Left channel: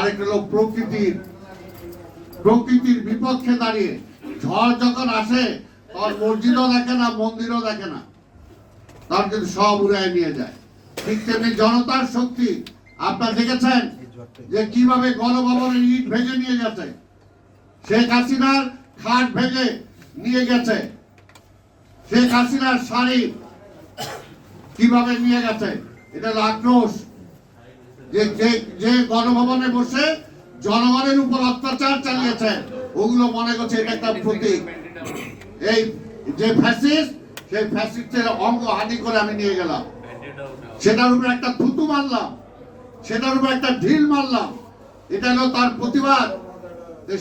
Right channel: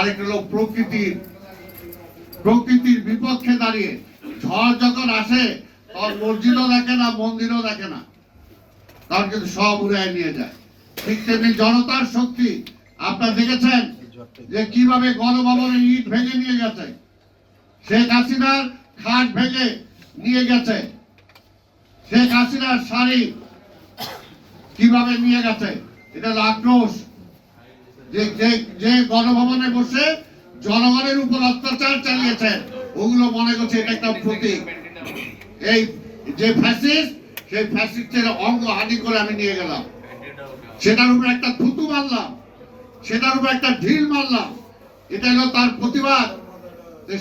আরেকটা হলো প্রকৃতির প্রকৃতির বিপক্ষে দাঁড়িয়ে ঝড় যখন আসে, তখন মসজিদও দেখে না, মন্দিরও দেখে না। তখন কিন্তু সব উড়ায় নিয়ে যায়। ঠিক তেমনি জনতার শক্তি। আপনারা দেখেছেন যে কীভাবে গণভবনের ইট ভেঙে নিয়ে গেছে। শেখ হাসিনার খাট ভেঙে নিয়ে গেছে। শেখ হাসিনার শাড়ি কীভাবে নিয়ে গেছে, এটা হলো আক্রোশ। যে যে গণভবনে বসে জনগণের উপর অত্যাচার চালিয়েছে, ওগুলো মনে করছে এটা একটা প্রতীক। এই যে ফ্যাসিস্ট সেই ফ্যাসিস্টের অঙ্গ হানি করে আমি নিয়ে গেলাম। সেটার উপর একটা থুতু মারলাম। সেটার উপর একটা ঢিল মারলাম। এটা হলো তার প্রতিবাদ।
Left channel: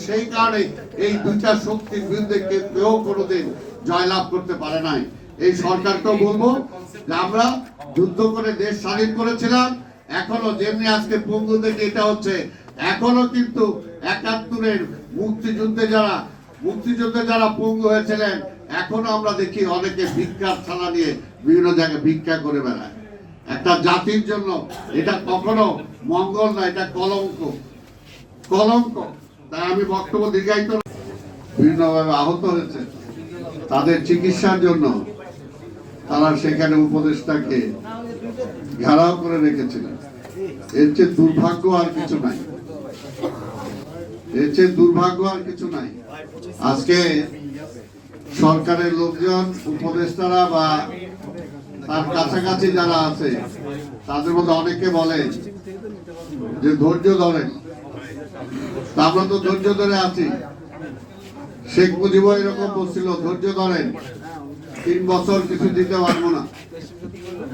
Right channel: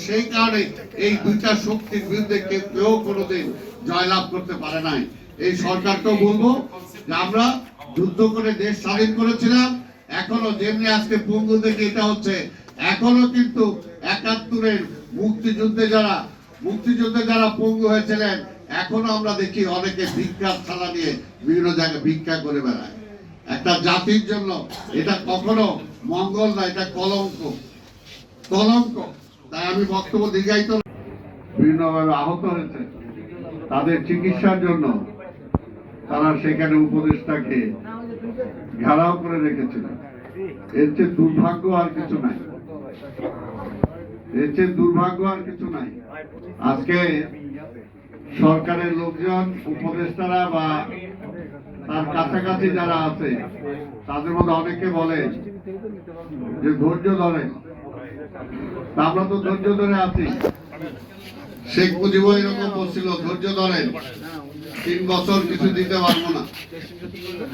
সেই কারণে এই দুইটা শক্তির বিরুদ্ধে কেউ কোনোদিন জয়লাভ করতে পারে নাই। এই সরকারকেও বলব যে আমরা যুদ্ধ করে দেশ স্বাধীন করেছিলাম। এখনও যেমনি আজকে পঙ্গু থেকে এটা হচ্ছে, এখনও কিন্তু একাত্তরের মুক্তিযুদ্ধে যারা মুক্তিযুদ্ধে যারা পঙ্গু হয়েছিলেন, এখনও আমরা দেখি অনেকে ভিক্ষার থালা নিয়ে বিভিন্ন জায়গায় ভিক্ষা করে বেড়ায়। একটা জাতির জন্য এটা কখনো মঙ্গল না, এটা কলঙ্ক। কলঙ্ক। তাই আমি বক্তব্য দীর্ঘায়িত বিভিন্নভাবে আহত হয়েছে। তাদের চিকিৎসার জন্য তারা সেখানে উপদেশটাকে ঘেরাও করে রেখেছিলেন এর চেয়ে দুর্ভাগ্য আর কিছু নাই। এর চেয়ে দুর্ভাগ্য আর কিছু নাই। আজকে সরকারের লোকজন, উপদেষ্টারা বা তার কাছাকাছি যারা আছে, তাদের মধ্যে অনেকে বলে যে, ধৈর্য ধরেন। আমরা তো ধৈর্য ধরে আছি। শেখ মুজিব এরকম বলছিল, ধৈর্য ধরেন। তিন বছর কিছু দিতে পারব না।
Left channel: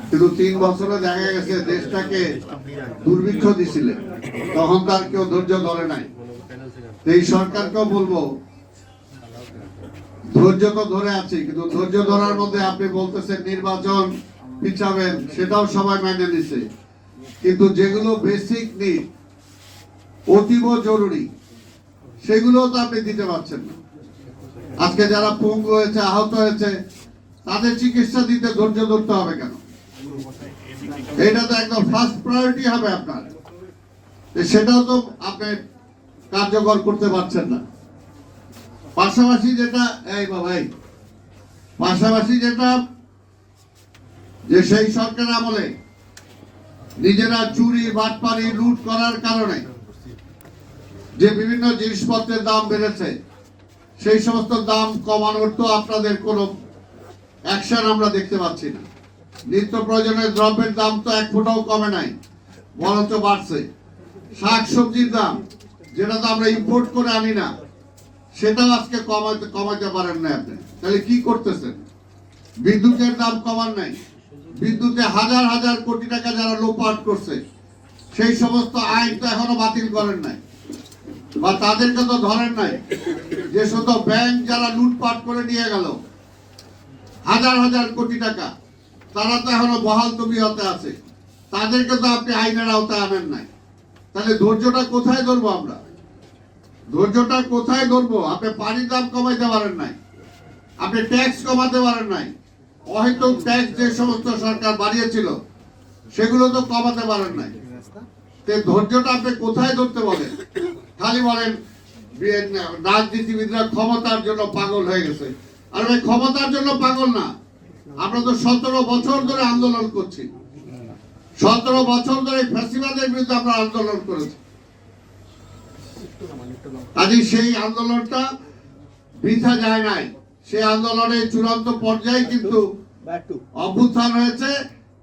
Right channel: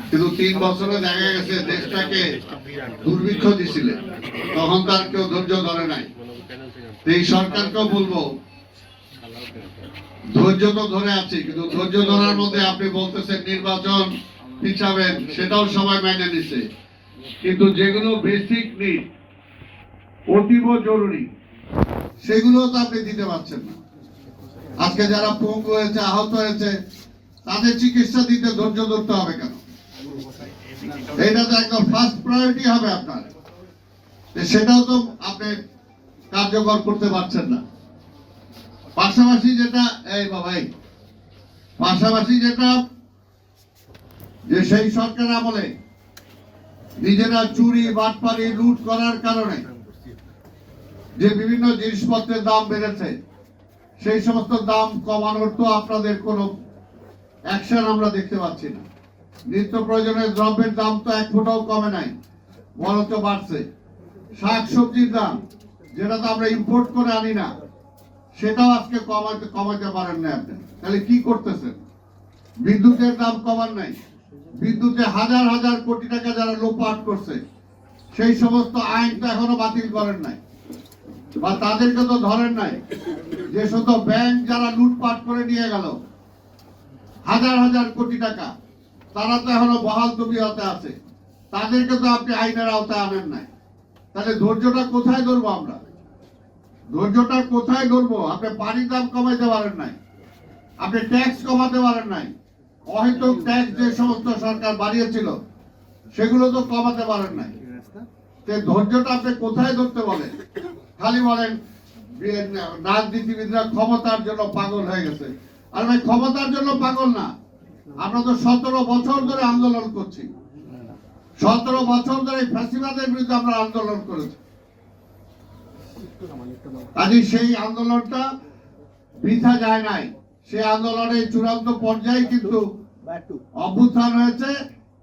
কিন্তু তিন বছরে দেখা গেছে দেশটাকে দুর্ভিক্ষ দিছিলেন তখন তার কেউ ধৈর্য ধরে নাই। এই সরকারকেও বলব, ধৈর্য তো ধরে আছি, কিন্তু ধৈর্য ধরার মধ্যে আপনি বলতেছেন নির্বাচন পিছাবেন, সেটাও সবাই মেনে নিছে। কিন্তু যেগুলো বেসিক নিড অতীব জরুরি সেগুলো তো আপনি দিতে পারছেন না। আজকে যারা পঙ্গু হয়েছে, আহত হয়েছে, তাদের চিকিৎসা দিতে ধৈর্য ধরতে হবে কেন? এটা তো একদম ফার্স্ট প্রায়োরিটি হবে আপনার। সেটাও তো আপনি কার্যকর করতে পারছেন না। পাশাপাশি যেটা, এই বাবাই পাশাপাশি যেটা, যে সেই সরকার আমলে নিজেরা চুরি বাটপানি লুট করার কারণে যে বিভিন্ন জিনিসপত্রের দাম বেড়েছে, সেই সমস্ত দাম কমানোর তো আপনাদের কোনো অ্যাকশন আমরা দেখতে পাচ্ছি না। নিত্য প্রয়োজনীয় দ্রব্যের দাম তো এক ফোঁটাও কমে নাই, বরঞ্চ বাড়ছে। শাক সবজির দাম, যেটা তো আমরা ইম্পোর্ট করে আনি না, সেটাও আজকে কমাতে কমাইতে পারেন না আপনি। তাহলে কি করতেছেন? বিদ্যুতের দাম কমান নাই। বিদ্যুতে হাজার হাজার কোটি টাকা যারা লোপাট করছে, সেই সমস্ত আইন তো এখনও বাতিল করেন নাই। বা তাদেরকে তো ধরেন নাই যে শুধু ব্যাংক যারা লুটপাট করে নিয়ে গেল, হাজার হাজার কোটি টাকা। তারা তো এখনও বহাল তবিয়তে আছে। তাদেরকে তো আপনি আইনের আওতায় আনেন নাই। তাহলে ধৈর্যটা কোথায় ধরবো আমরা? ধৈর্যটা কোথায় ধরবো? আপনি পানির দাম কমাইতে পারেন নাই। আপনি ট্যাক্স কমাতে পারেন নাই। অহেতুক ট্যাক্স যে সমস্ত সরকার বাড়িয়েছিল, সেগুলো তো কমাতে পারেন নাই। ধৈর্যটা আপনি কোথায় ধরতে বলেন? খালি বলেন রাজনীতিবিদরা ক্ষমতার জন্য পাগল হয়ে গেছে। আর ভাই, ক্ষমতার জন্য পাগল না। আমরা তো সতেরো বছর ধরে আন্দোলন করছি। সতেরো বছর ধরে ফ্যাসিবাদের বিরুদ্ধে আমরা আন্দোলন করেছি। কাজে সেই আন্দোলনটা বৃথা যায় নাই। সেই আন্দোলনের চূড়ান্ত পর্যায়ে কিন্তু অভ্যুত্থান হয়েছে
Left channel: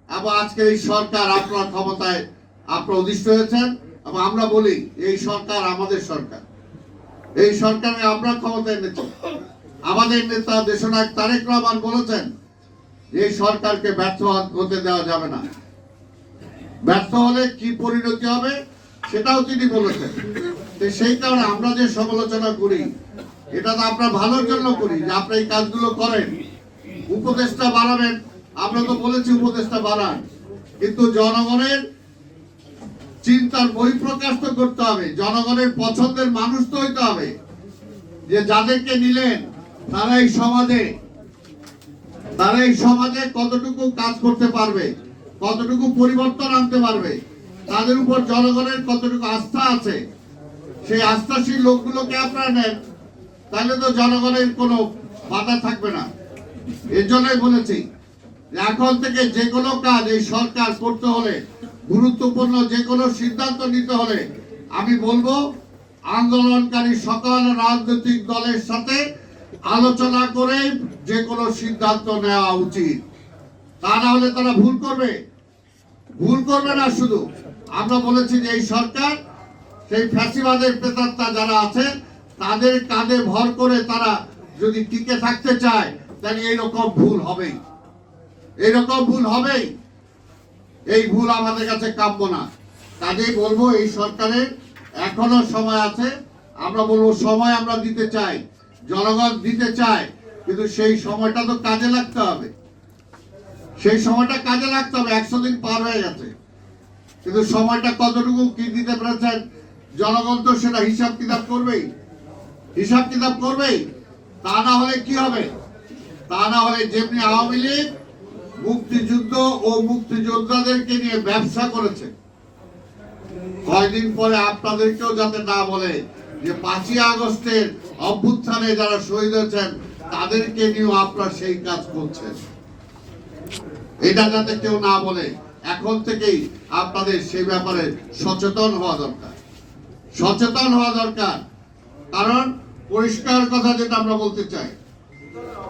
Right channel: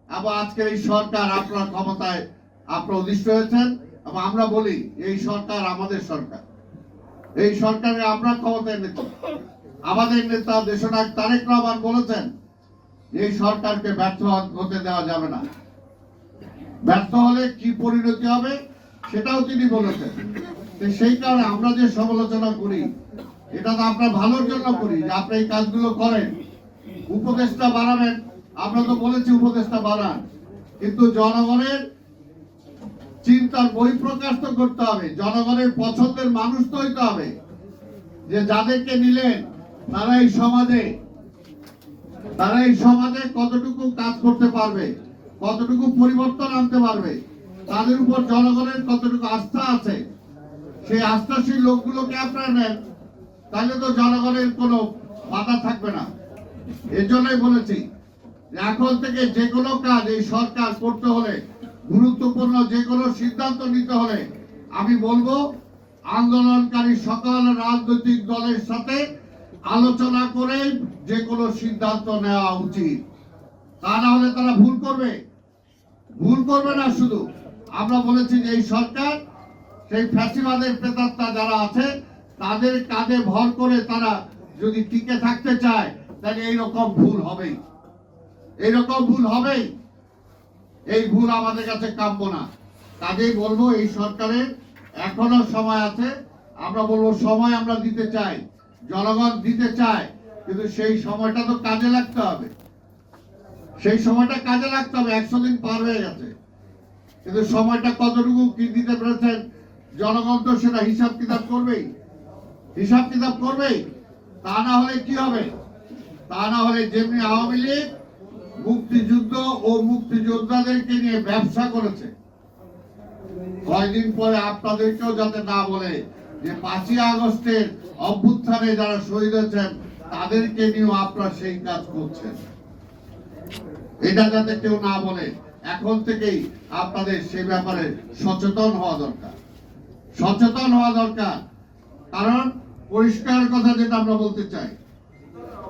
এবং আজকে এই সরকার আপনার ক্ষমতায় আপনার অধিষ্ঠ হয়েছেন এবং আমরা বলি, এই সরকার আমাদের সরকার। এই সরকারে আমরা ক্ষমতায় নেতা আমাদের নেতা দেশনায়ক তারেক রহমান বলেছেন এই সরকারকে ব্যর্থ হতে দেওয়া যাবে না। ব্যর্থ হলে কি পরিণতি হবে, সেটাও তিনি বলেছেন। সেই কারণে আমরা যে সমালোচনা করি, এটা তো আপনার ভালোর জন্য করি, যে আপনি এই কাজগুলো করেন। উপদেশটা বাড়াবেন, আমরা তো বলেছি উপদেশটা বাড়ান। কিন্তু জনগণের চিন্তার বহিঃপ্রকাশ তো করতে হবে, জনগণের পছন্দের মানুষ তো হইতে হবে। যে যাদেরকে নিলেন তারা এই সমাজে তারা এই সমাজে কতটুকু কাজ করতে পারবে, কতটুকু পরিবর্তন আনতে পারবে, তাদের উপর জনগণের কতটুকু আস্থা আছে, সেই আস্থাশীল লোকগুলোকে আপনারা নেন, তাহলে তো জনগণের কোনো বাধা থাকবে না। এর জন্যই বলেছি, এখন থেকে যে কোনো কাজ এই সরকার করতে হলে, গুরুত্বপূর্ণ যে কোনো সিদ্ধান্ত নিতে হলে, আমি বলব, আন্দোলনকারী সকল রাজনৈতিক দলের সাথে আলোচনা করে যে কোনো সিদ্ধান্ত নেওয়া উচিত। তা না হলে তারা ভুল করবে। ভুল করবে না শুধু। আমরা বলেছি যে এই সরকার, সেই ফ্যাসিবাদের প্রেতাত্মা যারা আছে, তাদের কাঁধে ভর করে তারা যদি টিকে থাকতে চায়, তাহলে এইরকম ভুল হবেই। এইরকম ভুল হবেই। এই ভুল আমাদের কাছে কাম্য না। কাজেই বলব, এই সরকারের এখনও সময় আছে। আমরা বলব, সময় আমরা দিতে চাই। জনগণ দিতে চায়, কিন্তু সেই সময়টা তো কাজে লাগতে হবে। সেই সময়টা কাজে লাগতে হবে, একশো দিন পার হয়ে গেছে। কিন্তু সময়টা কতটুকু কি দিতে পেরেছেন? জনগণ তো সেটা হিসাব কিতাব করবেই। হিসাব কিতাব করবেই। তা না হলে কি হবে? তা না হলে যেমনি আওয়ামী লীগ মুক্তিযুদ্ধ ও মুক্তিযোদ্ধাদেরকে নিয়ে ব্যবসা করেছে, কয়দিন পরে আপনাদেরকেও যাতে না বলে যে পাঁচই আগস্টের অভ্যুত্থানে যারা শহীদ হয়েছেন, তাদেরকে নিয়েও আপনারা সেই কাজ করছেন। এটা যাতে কেউ না বলে, এখন থেকেই আপনাদের সেই ব্যাপারে সচেতন হওয়া দরকার। সচেতন হওয়া দরকার। কারণ পরিষ্কার কথা যেটা আমরা বলতে চাই,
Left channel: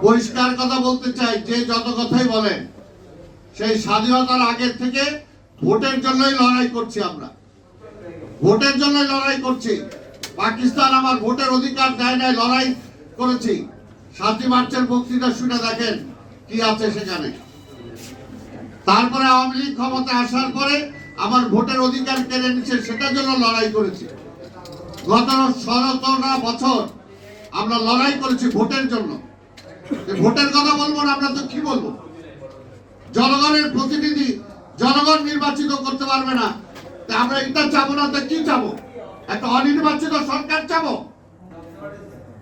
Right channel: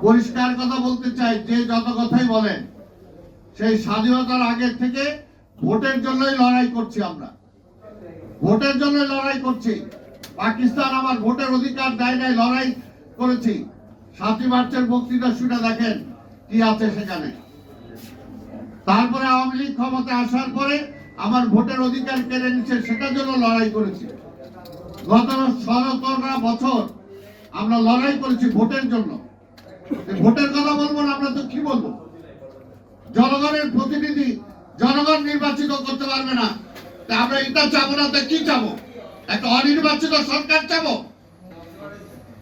পরিষ্কার কথা বলতে চাই যে যত কথাই বলেন, সেই স্বাধীনতার আগের থেকে ভোটের জন্যই লড়াই করছি আমরা। ভোটের জন্যই লড়াই করছি। পাকিস্তান আমার ভোটের অধিকার দেয় নাই, লড়াই করেছি। সাতই মার্চের বক্তৃতা শুনে দেখেন কি আছে সেখানে। তারপরে আওয়ামী লীগ ক্ষমতা আসার পরে আমার ভোটের অধিকার কেড়ে নিচ্ছে সেটার জন্য লড়াই করেছি। গত সতেরোটা বছর আমরা লড়াই করেছি ভোটের জন্য। ভোটের কথা বলব না, আমরা তো কি বলব? জনগণের প্রতিনিধি, জনগণ নির্বাচিত করতে পারবে না। আমরা এটা চাবো না, তো কি চাবো? একটা অনির্বাচিত সরকার চাবো।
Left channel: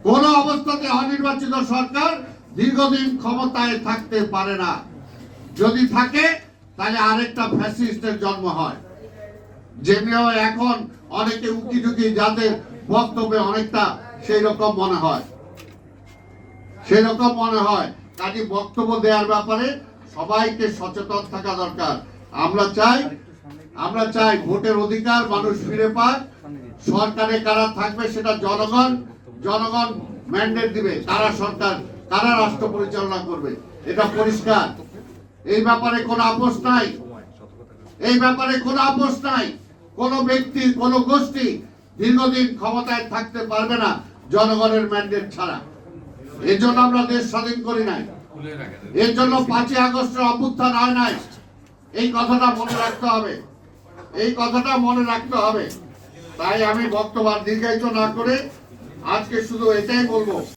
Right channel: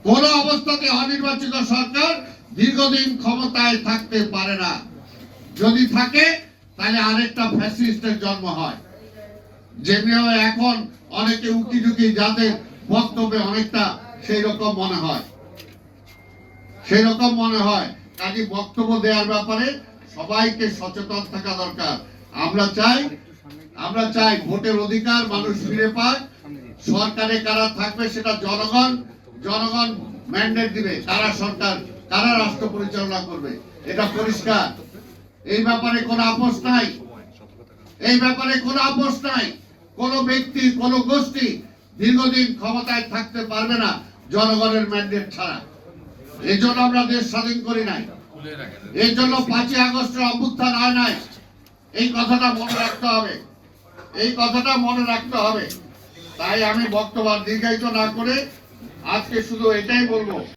কোন অবস্থাতে অনির্বাচিত সরকার দীর্ঘদিন ক্ষমতায় থাকতে পারে না। যদি থাকে, তাহলে আরেকটা ফ্যাসিস্টের জন্ম হয়। যেমনিও এখন অনেকে উকি ঝুঁকি যাদের বক্তব্যে অনেকটা সেই রকম মনে হয়। সেই রকম মনে হয়। কাজে বক্তব্য দেওয়ার ব্যাপারে সবাইকে সচেতন থাকা দরকার। আমরা চাই আমরা চাই ভোটের অধিকার মানুষ ফিরে পায়। সরকারে কারা থাকবে সেটা জনগণ জনগণ ম্যান্ডেট দিবে, কারা সরকার, কারা রাষ্ট্র পরিচালনা করবে, এটা পরিষ্কার। এই ব্যাপারে কোনো আপোষ নাই। এই ব্যাপারে কোনো আপোষ নাই। কোন ব্যক্তি, কোন গোষ্ঠী দীর্ঘদিন ক্ষমতায় থাকতে পারবে না জনগণের ম্যান্ডেট ছাড়া। এই জন্য আমরা দেশ স্বাধীন করি নাই। এই জন্য পাঁচই আগস্টের অভ্যুত্থান হয় নাই। এই কথাটা মনে রাখতে হবে। এই কথাটা মনে রাখতে হবে। তাই আমি বক্তব্য দীর্ঘায়িত না করে আজকে শুধু এটাই বলব।